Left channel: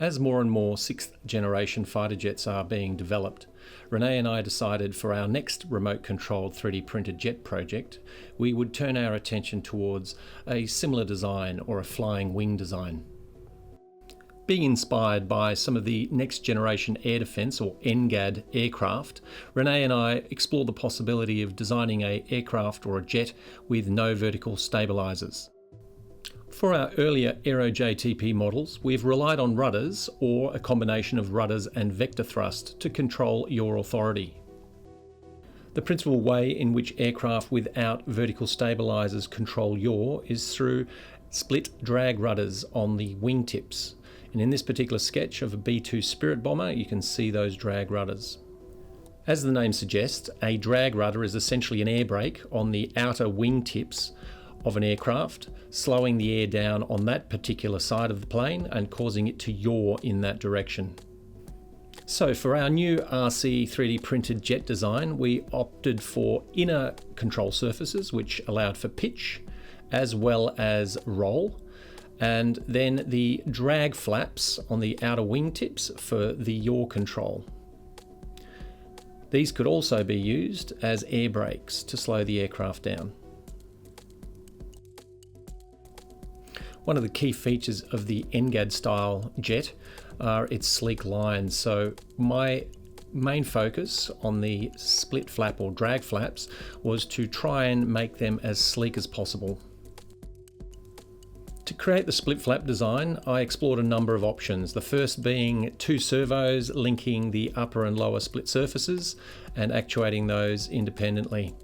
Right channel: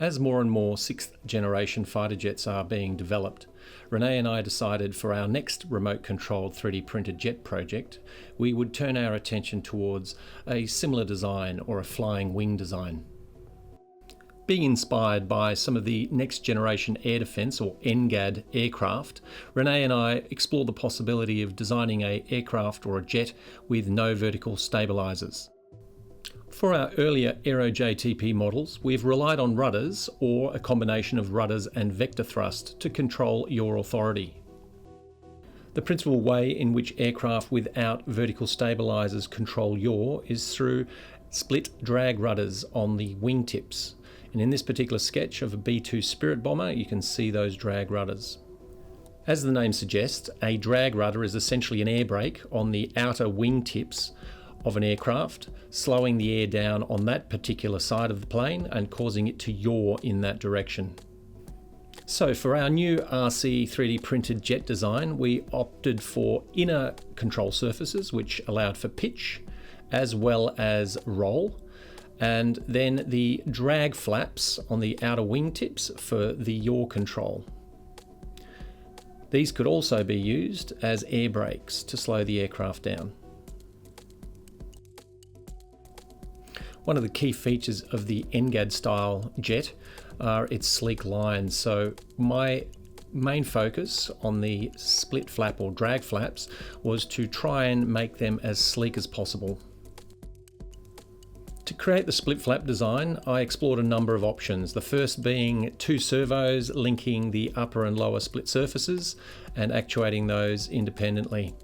As more and more 6th generation fighter jets are being developed, Renee and I decided for our next remote-controlled 3D printed jet project, we would turn our attention towards a similar design or a flying wing design. Being inspired by some of the next generation air defence or NGAD aircraft, Renee and I explored the possibility of designing an aircraft or a jet with no vertical stabilisers. For our earlier Aero JTP models, we've relied on rudders or a combination of rudders and vector thrust to control yaw authority. The principal way in which aircraft without vertical stabilisers control yaw is through split drag rudders on the wingtips. And in this particular sketch of a B-2 Spirit bomber, you can see those drag rudders. As the name suggests, a drag rudder is essentially an air brake on the outer wingtips of an aircraft, slowing the air down on that particular side of the plane and causing it to yaw in that direction. So for our new RC 3D printed jet design, we opted for inner control surfaces which allowed for pitch as well as roll, and then the drag flaps on the outer wingtips for the yaw control. These could also be used as air brakes to slow the aircraft down. One of the key features of the NGAD style jet are its sleek lines. So my main focus on the split flap or drag flaps was to try and make them as sleek as possible. To create the split flap design, I explored a number of options. The first being 2 servos linking the upper and lower split surfaces and actuating those independently.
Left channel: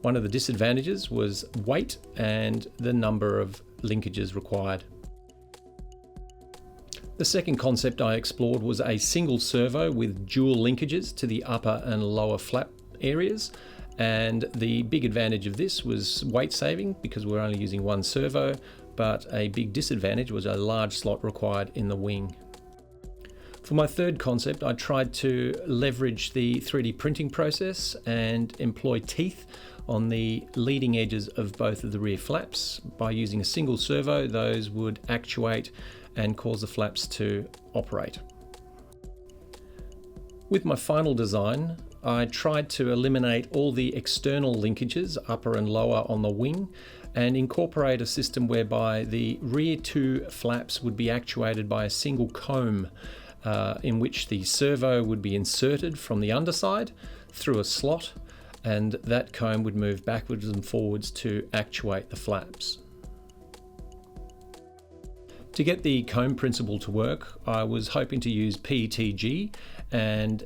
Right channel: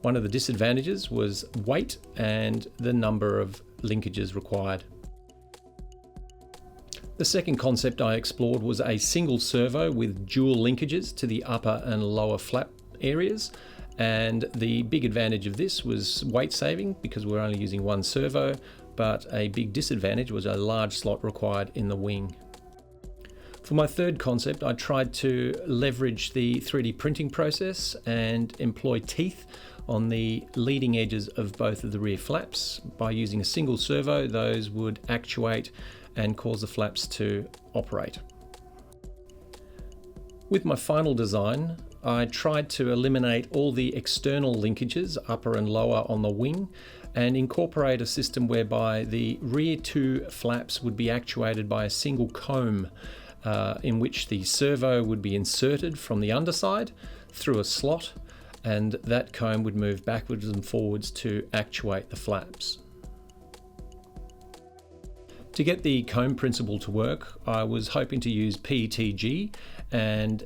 One of the disadvantages was weight and the number of linkages required. The second concept I explored was a single servo with dual linkages to the upper and lower flap areas, and the big advantage of this was weight saving because we're only using 1 servo, but a big disadvantage was a large slot required in the wing. For my third concept, I tried to leverage the 3D printing process and employ teeth on the leading edges of both of the rear flaps. By using a single servo, those would actuate and cause the flaps to operate. With my final design, I tried to eliminate all the external linkages, upper and lower on the wing, and incorporate a system whereby the rear 2 flaps would be actuated by a single comb in which the servo would be inserted from the underside through a slot, and that comb would move backwards and forwards to actuate the flaps. To get the comb principle to work, I was hoping to use PETG and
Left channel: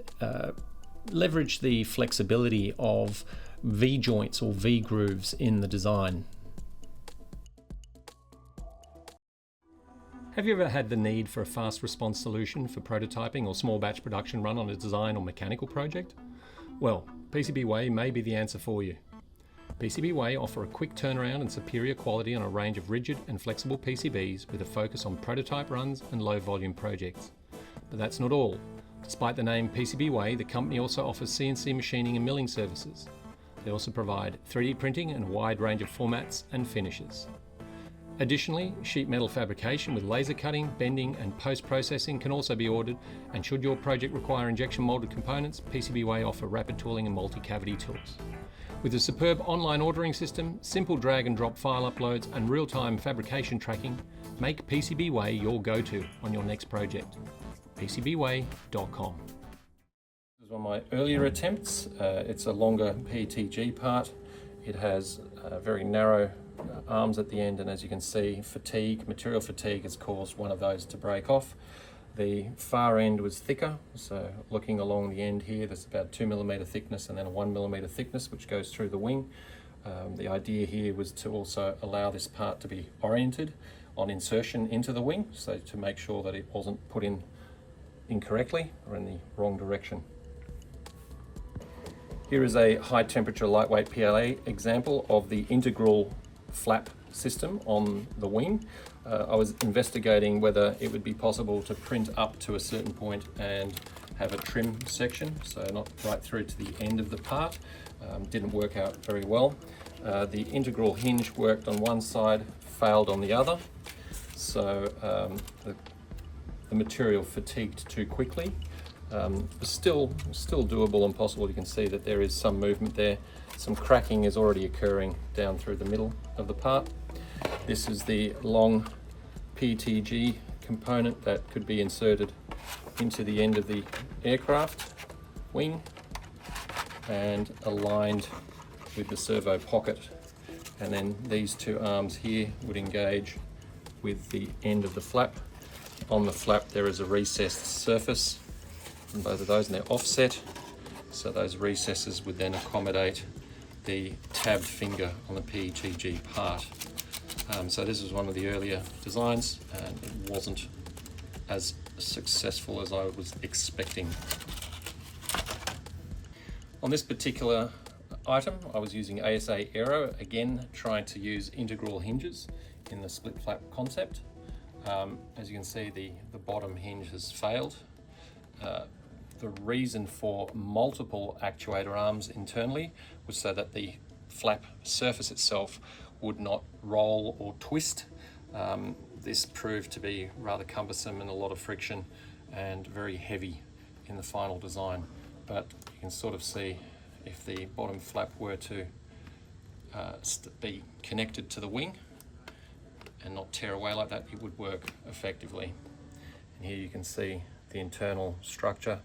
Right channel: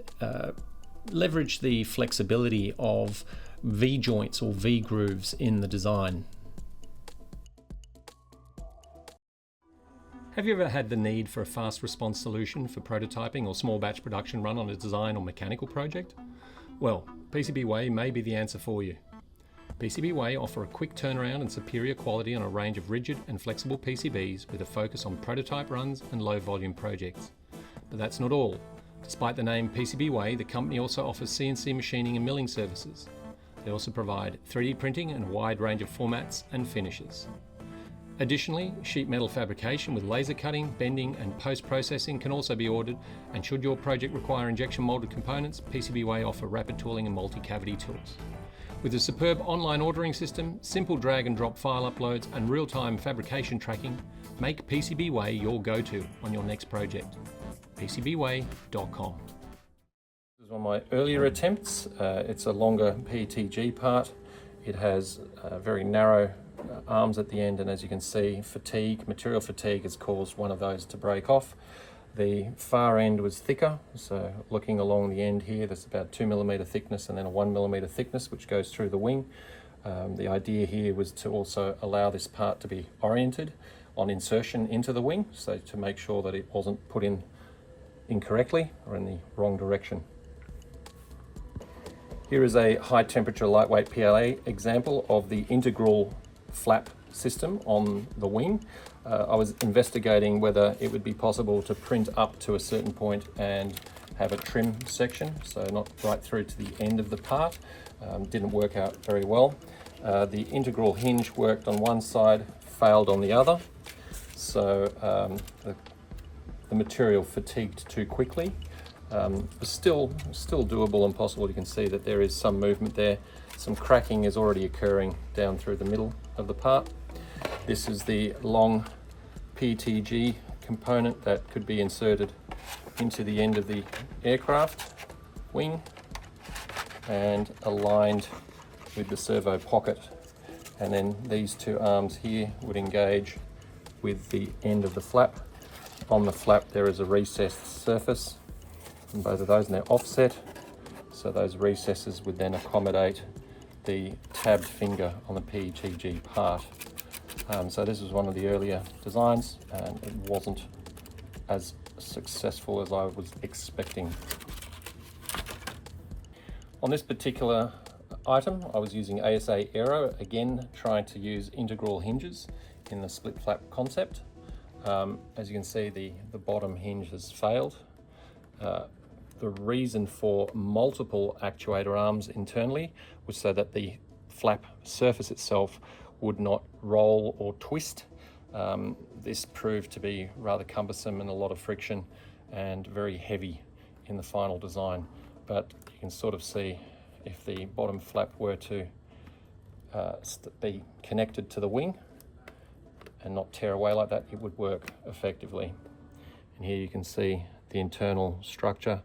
leverage the flexibility of V-joints or V-grooves in the design. Have you ever had the need for a fast response solution for prototyping or small batch production run on a design or mechanical project? Well, PCBWay may be the answer for you. PCBWay offer a quick turnaround and superior quality on a range of rigid and flexible PCBs with a focus on prototype runs and low volume projects. But that's not all. Despite the name PCBWay, the company also offers CNC machining and milling services. They also provide 3D printing in a wide range of formats and finishes. Additionally, sheet metal fabrication with laser cutting, bending and post-processing can also be ordered, and should your project require injection molded components, PCBWay offer rapid tooling and multi-cavity tools. With a superb online ordering system, simple drag and drop file uploads and real-time fabrication tracking, make PCBWay your go-to on your next project. PCBWay.com. This is one of my earlier attempts. It's a longer PETG part. It has very narrow arms at the end, and as you can see, material fatigue has caused one of those to break off. The far end was thicker, so looking along the end here, there's about 2mm thickness and then a 1mm thickness which goes through the wing. The idea here was to also allow this part to be oriented on insertion into the wing, so to make sure that it wasn't put in incorrectly or in the wrong direction. Here is a high temperature lightweight PLA example of the integral flap system on the wing. I was investigating whether it would be possible to print up to a certain point and have a trim section, so not right through to the end of the part. Didn't work out very well. The integral hinge worked on one side, failed on the other. So the the material fatigued too quickly. Still doable and possible. You can see that there is some movement there. Some cracking is already occurring down through the middle of the part. This is the long PTG component that could be inserted into the end of the aircraft wing and aligned with the servo pocket, and then these two arms here would engage with the end of the flap. On the flap there is a recessed surface on both of those, and they're offset, so those recesses would then accommodate the tabbed finger on the PTG part. So this was one of the earlier designs, and it wasn't as successful as I was expecting. On this particular item, I was using ASA Aero, again trying to use integral hinges in the split flap concept. As you can see, the bottom hinge has failed. The reason for multiple actuator arms internally was so that the flap surface itself would not roll or twist. This proved to be rather cumbersome and a lot of friction and very heavy in the final design. But you can sort of see if the bottom flap were to be connected to the wing and not tear away like that, it would work effectively. And here you can see the internal structure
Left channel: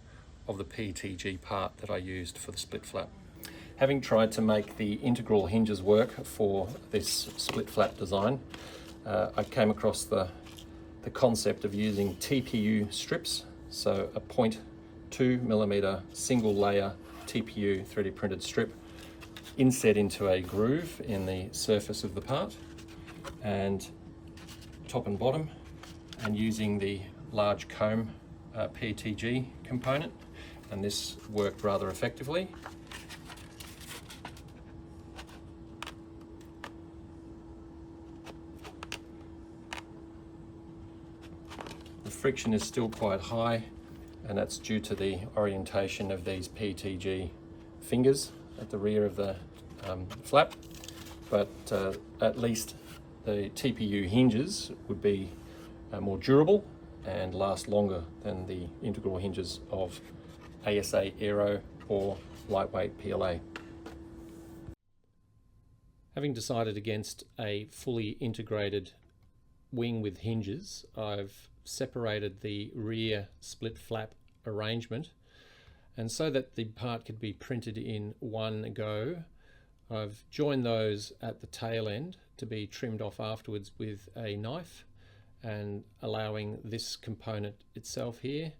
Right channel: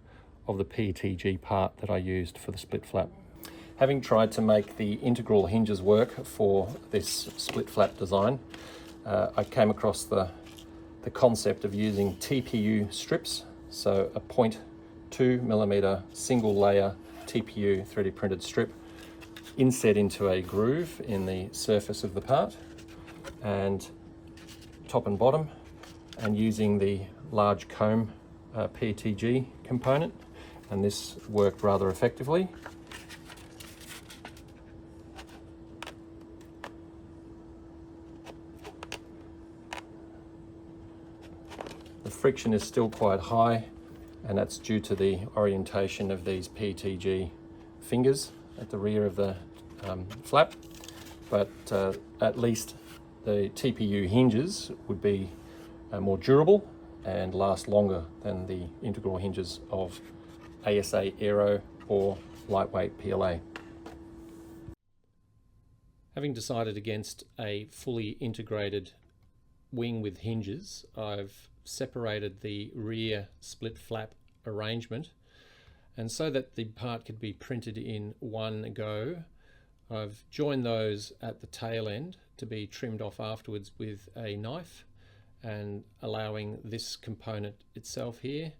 of the PTG part that I used for the split flap. Having tried to make the integral hinges work for this split flap design, I came across the concept of using TPU strips, so a 0.2mm single layer TPU 3D printed strip inset into a groove in the surface of the part and top and bottom, and using the large comb PTG component, and this worked rather effectively. The friction is still quite high, and that's due to the orientation of these PTG fingers at the rear of the flap, but at least the TPU hinges would be more durable and last longer than the integral hinges of ASA Aero or lightweight PLA. Having decided against a fully integrated wing with hinges, I've separated the rear split flap arrangement, and so that the part could be printed in one go, I've joined those at the tail end to be trimmed off afterwards with a knife, and allowing this component itself here,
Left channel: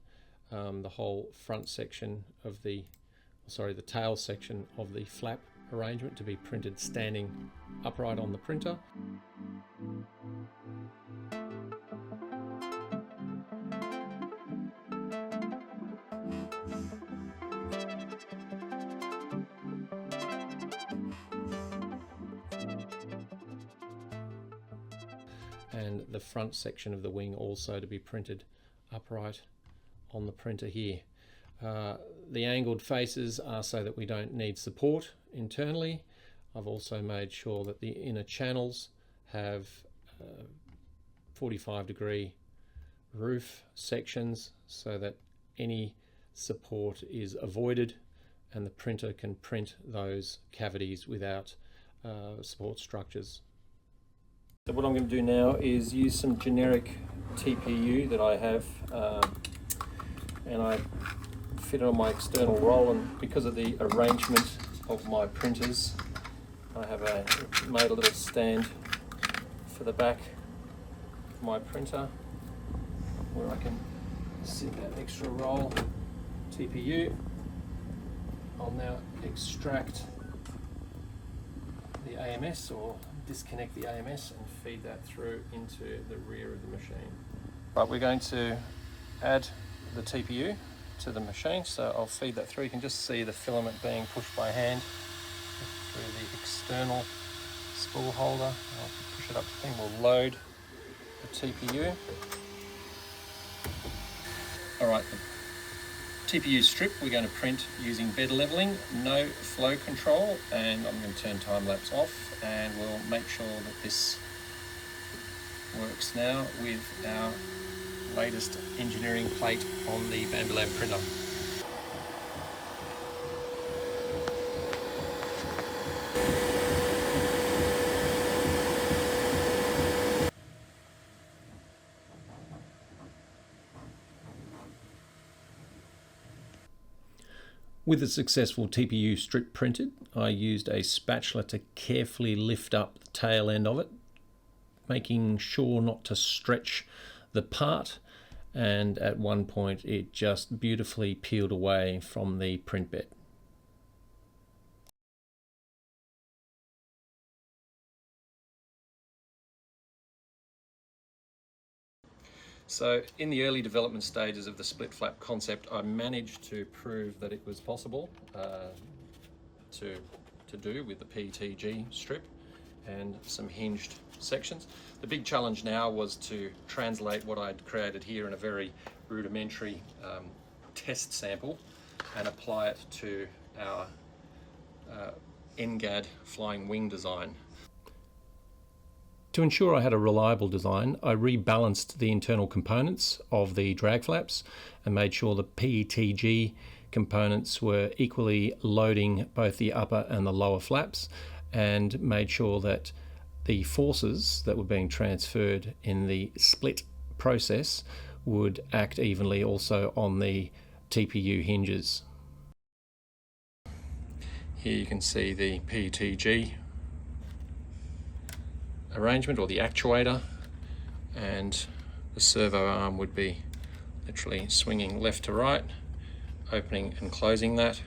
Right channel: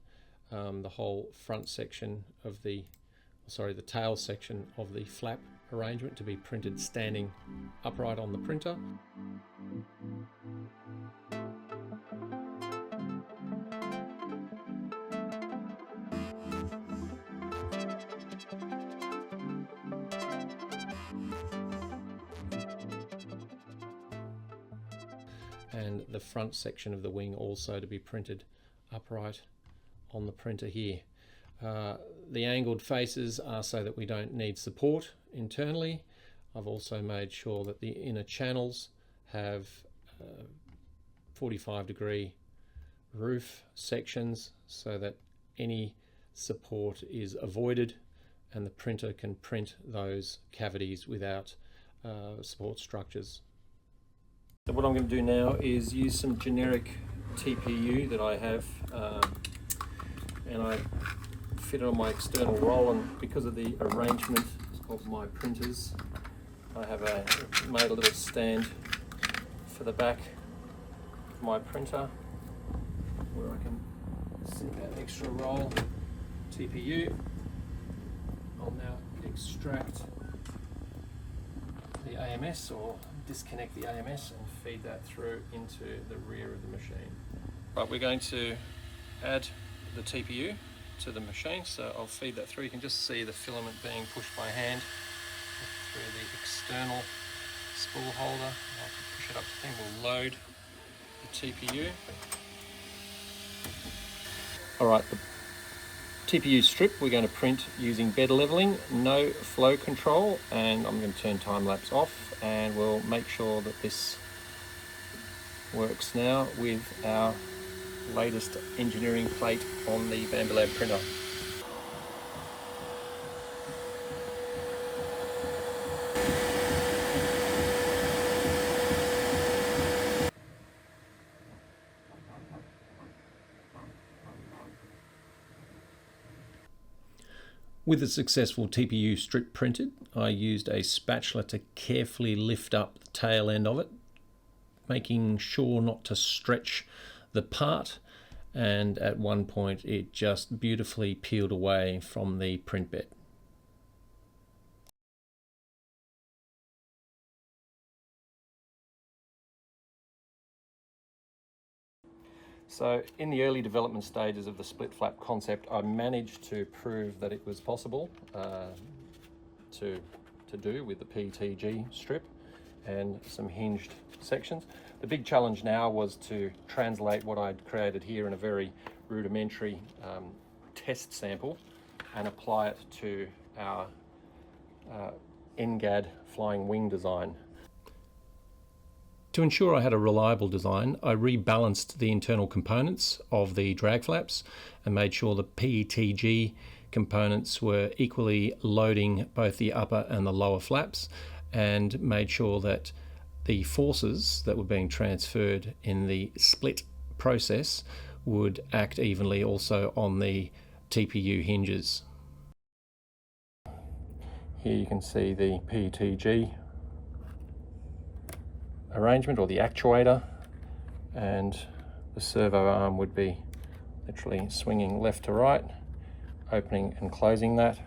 the whole front section of the tail section of the flap arrangement, to be printed standing upright on the printer. And the front section of the wing also to be printed upright on the printer here. The angled faces are so that we don't need support internally. I've also made sure that the inner channels have 45-degree roof sections so that any support is avoided and the printer can print those cavities without support structures. So what I'm going to do now is use some generic TPU that I have, and I fit it on my external roll, and because of the arrangement of my printers, I have made a little stand for the back of my printer where I can sit that extra roll TPU. I'll now extract the AMS, or disconnect the AMS, and feed that through into the rear of the machine. Right, we're going to add the TPU to the machine, so I'll feed that through. You can just see the filament being pushed by hand through the external spool holder. I'll push it up to the thing. We'll load the TPU. Alright, the TPU strip we're going to print using bed leveling, no flow control, and I'm going to turn time lapse off, and we'll make sure that this works now with our latest engineering plate on the Bambu printer. With a successful TPU strip printed, I used a spatula to carefully lift up the tail end of it, making sure not to stretch the part, and at one point it just beautifully peeled away from the print bed. So in the early development stages of the split flap concept, I managed to prove that it was possible to do with the PETG strip and some hinged sections. The big challenge now was to translate what I'd created here in a very rudimentary test sample and apply it to our NGAD flying wing design. To ensure I had a reliable design, I rebalanced the internal components of the drag flaps and made sure the PETG components were equally loading both the upper and the lower flaps, and made sure that the forces that were being transferred in the split process would act evenly also on the TPU hinges. Here you can see the PETG arrangement, or the actuator, and the servo arm would be literally swinging left to right, opening and closing that.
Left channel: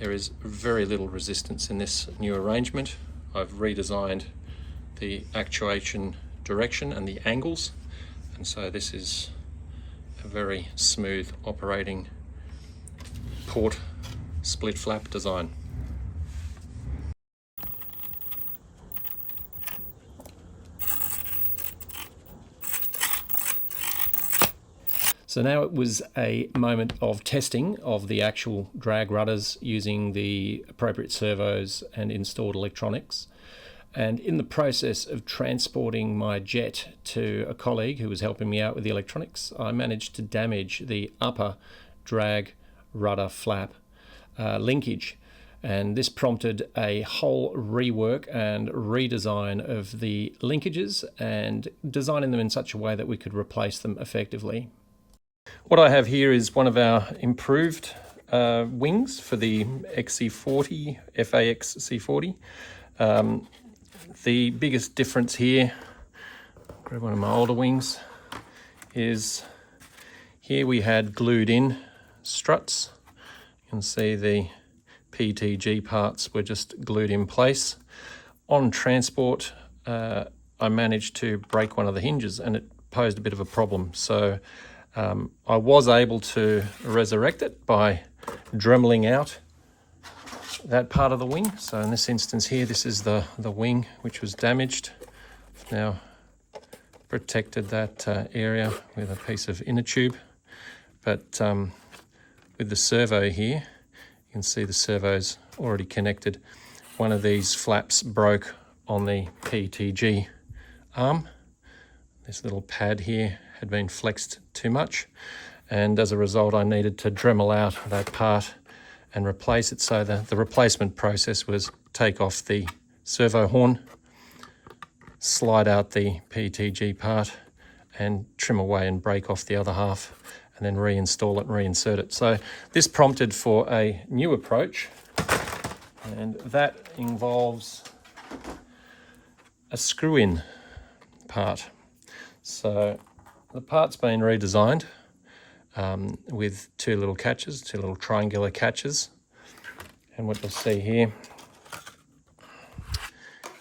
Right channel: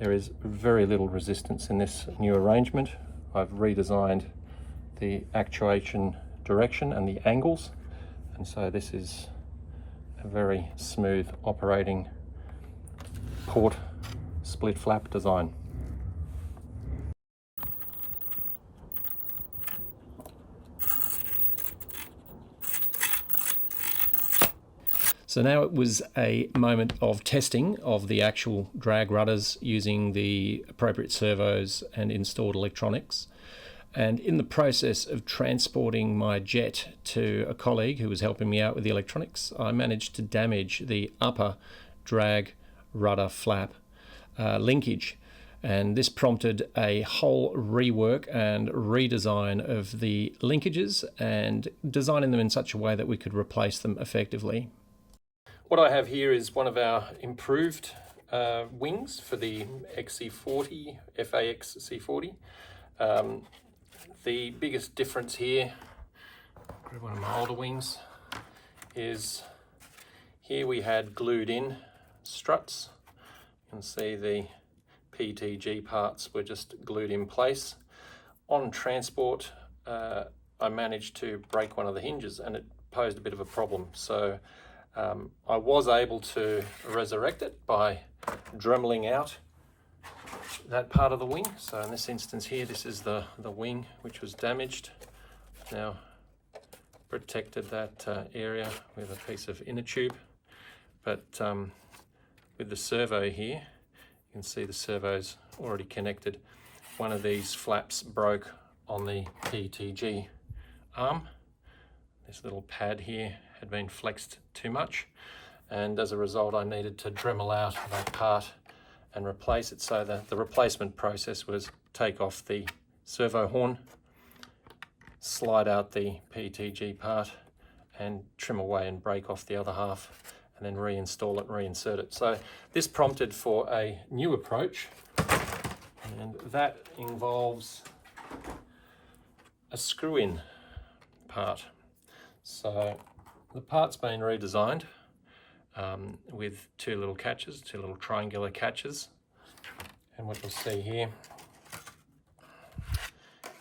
There is very little resistance in this new arrangement. I've redesigned the actuation direction and the angles, and so this is a very smooth operating port split flap design. So now it was a moment of testing of the actual drag rudders using the appropriate servos and installed electronics. And in the process of transporting my jet to a colleague who was helping me out with the electronics, I managed to damage the upper drag rudder flap linkage. And this prompted a whole rework and redesign of the linkages and designing them in such a way that we could replace them effectively. What I have here is one of our improved wings for the XC40, FAX C40. The biggest difference here, grab one of my older wings, is here we had glued in struts. You can see the PETG parts were just glued in place. On transport, I managed to break one of the hinges and it posed a bit of a problem. So I was able to resurrect it by dremeling out that part of the wing. So in this instance here, this is the wing which was damaged. I've now protected that area with a piece of inner tube. But with the servo here, you can see the servo's already connected. One of these flaps broke on the PETG arm. This little pad here had been flexed too much, and as a result I needed to dremel out that part and replace it. So the replacement process was take off the servo horn, slide out the PETG part and trim away and break off the other half, and then reinstall it and reinsert it. So this prompted for a new approach, and that involves a screw-in part. So the part's been redesigned with two little catches, two little triangular catches. And what you'll see here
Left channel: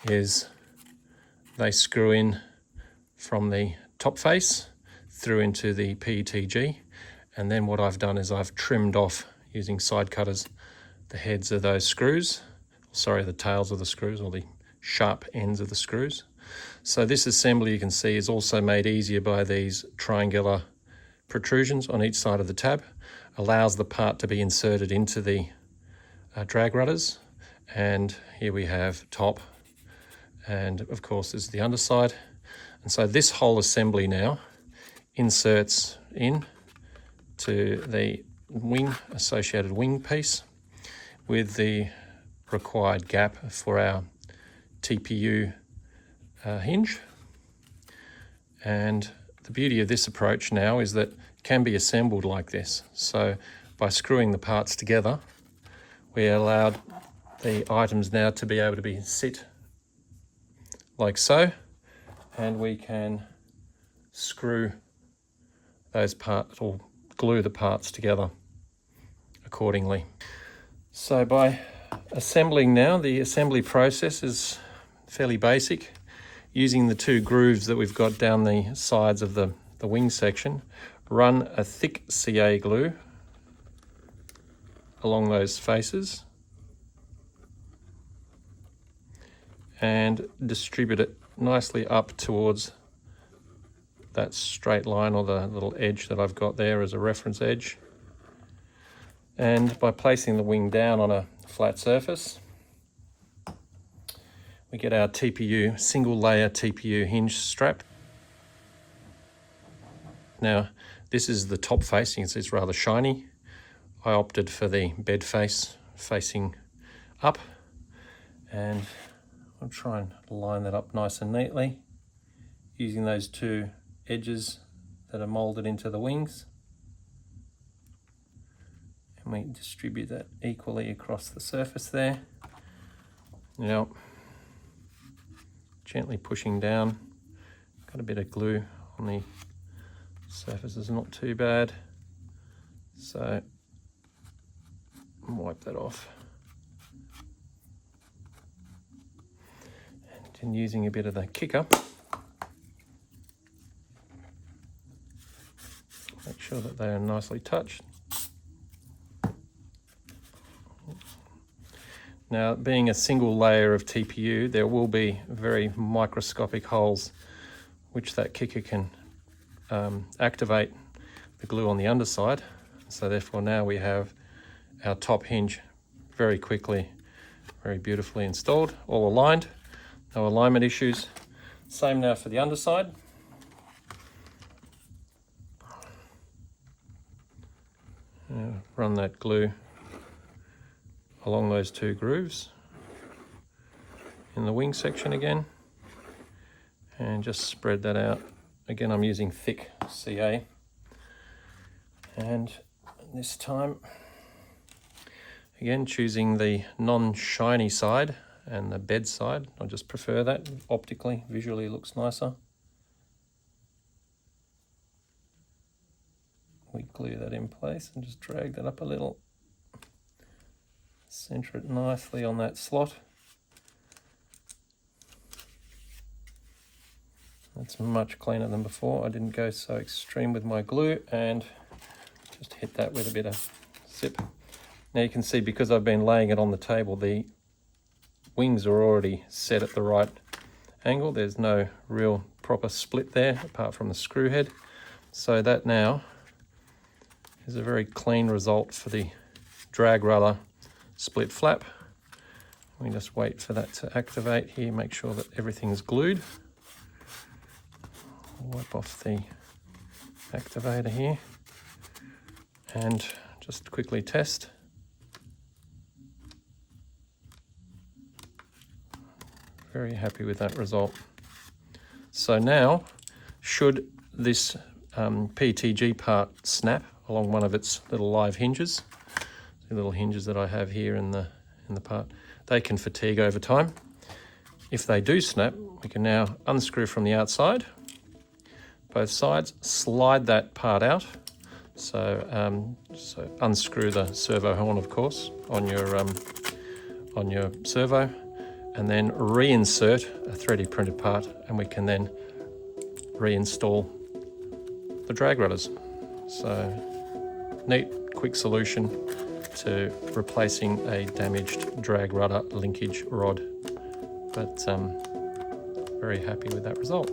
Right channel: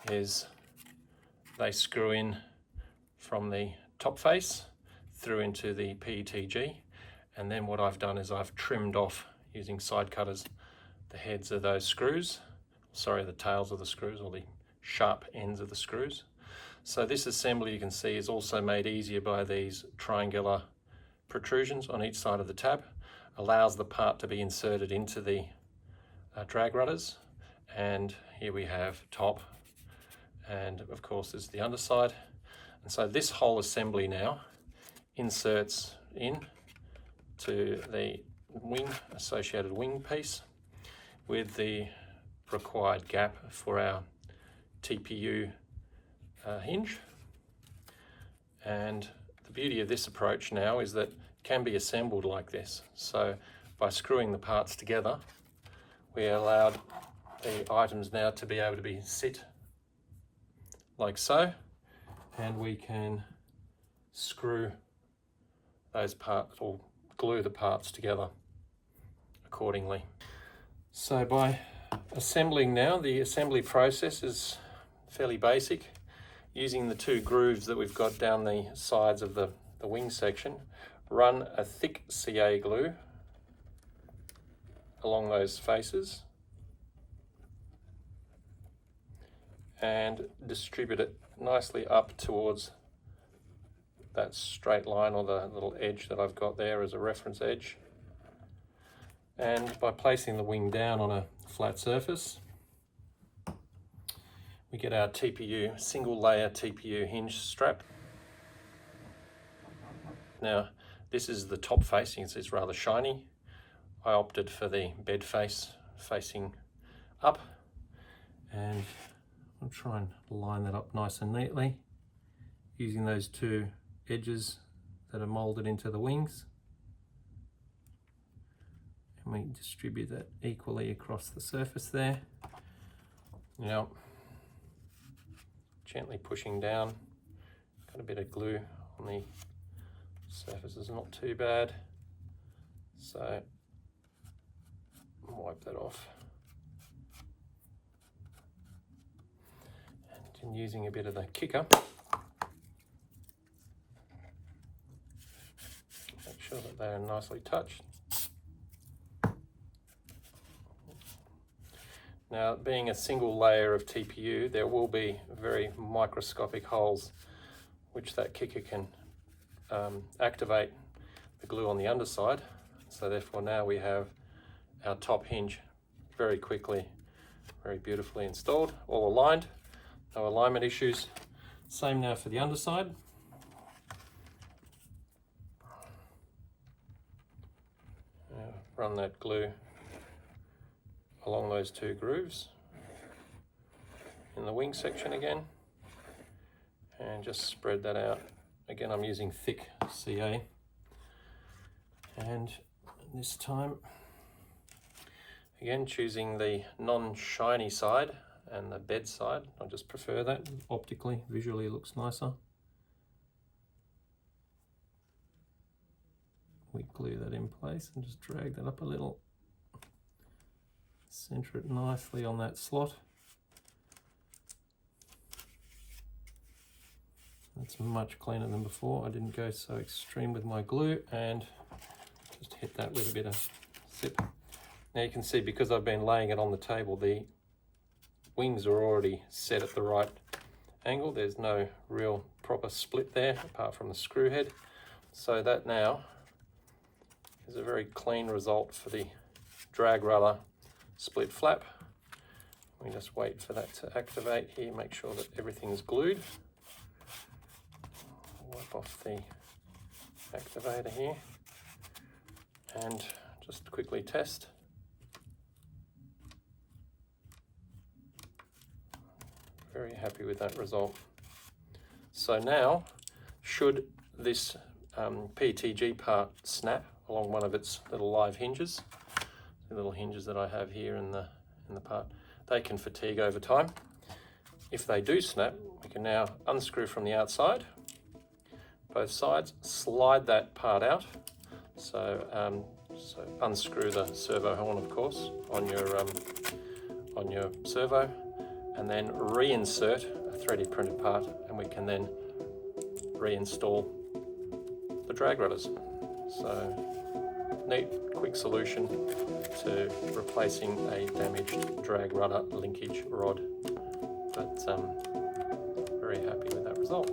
is they screw in from the top face through into the PETG. And then what I've done is I've trimmed off, using side cutters, the heads of those screws, the tails of the screws, or the sharp ends of the screws. So this assembly, you can see, is also made easier by these triangular protrusions on each side of the tab. Allows the part to be inserted into the drag rudders. And here we have top, and of course this is the underside. And so this whole assembly now inserts in to the associated wing piece with the required gap for our TPU hinge. And the beauty of this approach now is that it can be assembled like this. So by screwing the parts together, we allowed the items now to be able to be sit like so, and we can screw those parts or glue the parts together accordingly. So by assembling now, the assembly process is fairly basic. Using the two grooves that we've got down the sides of the wing section, run a thick CA glue along those faces and distribute it nicely up towards that straight line, or the little edge that I've got there as a reference edge. And by placing the wing down on a flat surface, we get our TPU, single layer TPU hinge strap. Now, this is the top face. You can see it's rather shiny. I opted for the bed face facing up, and I'll try and line that up nice and neatly using those two edges that are molded into the wings. And we distribute that equally across the surface there. Now, gently pushing down, got a bit of glue on the surface, is not too bad, so wipe that off. And using a bit of the kicker, make sure that they are nicely touched. Now, being a single layer of TPU, there will be very microscopic holes which that kicker can activate the glue on the underside. So therefore now we have our top hinge very quickly, very beautifully installed, all aligned, no alignment issues. Same now for the underside. Run that glue along those two grooves in the wing section again, and just spread that out. Again, I'm using thick CA, and this time again choosing the non-shiny side and the bed side. I just prefer that optically, visually looks nicer. We glue that in place and just drag that up a little. Center it nicely on that slot. That's much cleaner than before. I didn't go so extreme with my glue, and just hit that with a bit of zip. Now you can see, because I've been laying it on the table, the wings are already set at the right angle. There's no real proper split there apart from the screw head. So that now is a very clean result for the drag rudder split flap. We just wait for that to activate here, make sure that everything's glued. Wipe off the activator here and just quickly test. Very happy with that result. So now, should this PTG part snap along one of its little live hinges, the little hinges that I have here in the part, they can fatigue over time. If they do snap, we can now unscrew from the outside, both sides, slide that part out. So, unscrew the servo horn, of course, on your servo, and then reinsert a 3D printed part, and we can then reinstall the drag rudders. So, neat, quick solution to replacing a damaged drag rudder linkage rod. But very happy with that result.